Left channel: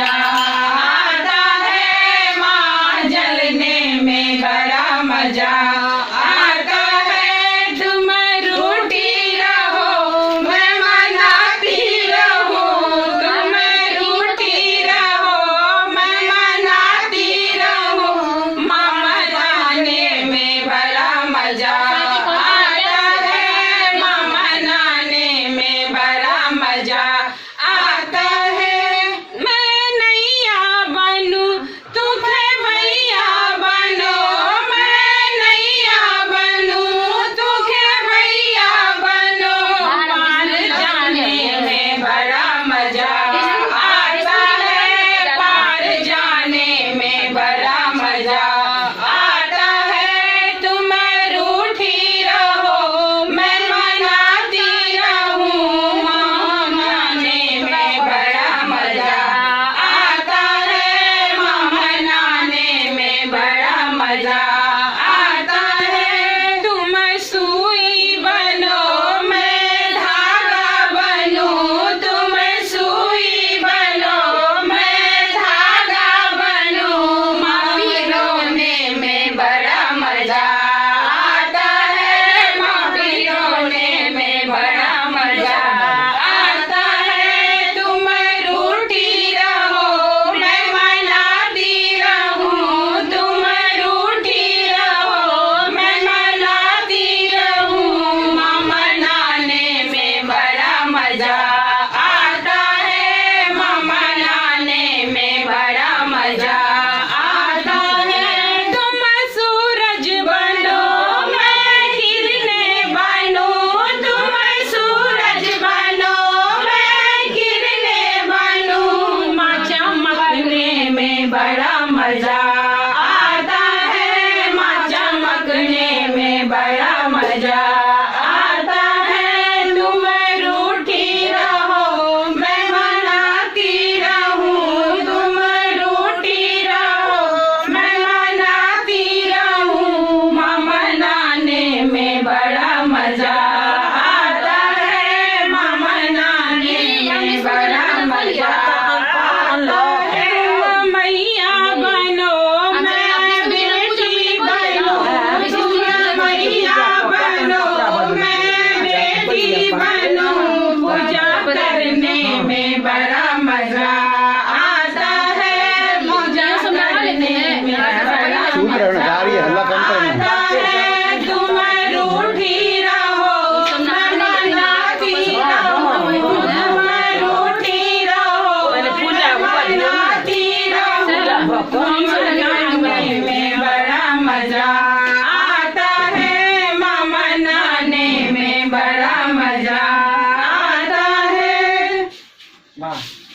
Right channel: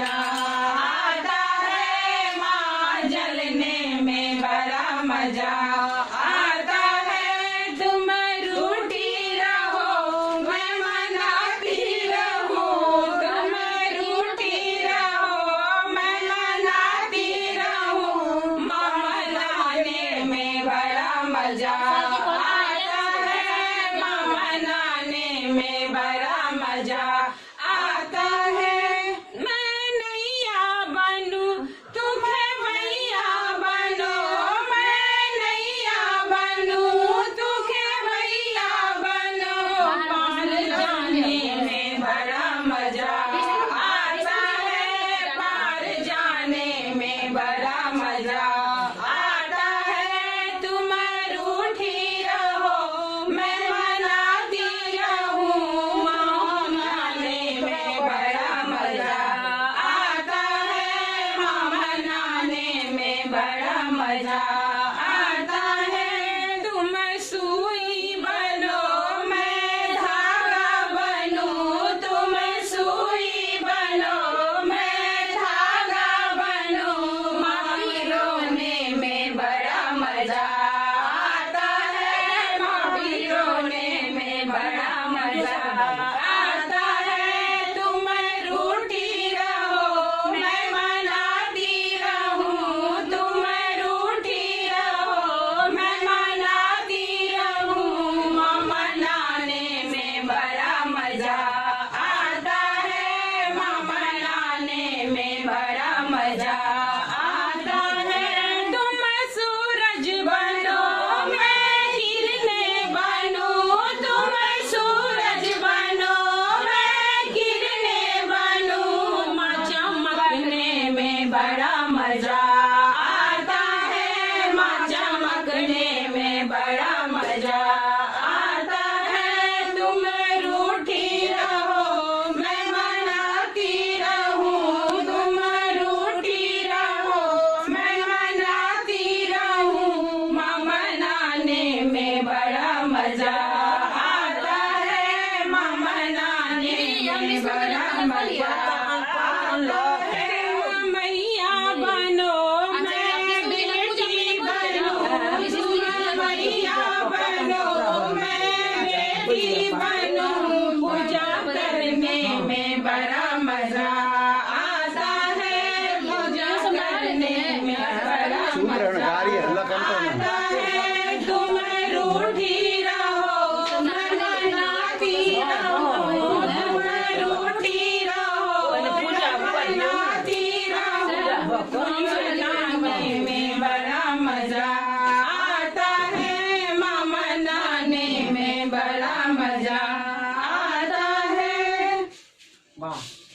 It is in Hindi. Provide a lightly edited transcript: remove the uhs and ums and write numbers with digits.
मजा आता है, माँ जलने में बड़ा मजा आता है। तुम रूठी रहो मैं मनाती रहूं, तुम रूठी रहो मैं मनाती रहूं, माँ मनाने में बड़ा मजा आता है, माँ मनाने में बड़ा मजा आता है। मैं नैया बनूं तू खेवैया बनो, मैं नैया बनूं तू खेवैया बनो, पार जाने में बड़ा मजा आता है, पार जाने में बड़ा मजा आता है। तुम रूठी रहो मैं मनाती रहूं, माँ मनाने में बड़ा मजा आता है, माँ मनाने में बड़ा मजा आता है। तुम सुई बनो मैं धागा बनूं, तुम सुई बनो मैं धागा बनूं, माँ पिरोने में बड़ा मजा आता है, माँ पिरोने में बड़ा मजा आता है। तुम रूठी रहो मैं मनाती रहूं, तुम रूठी रहो मैं मनाती रहूं, माँ मनाने में बड़ा मजा आता है, माँ मनाने में बड़ा मजा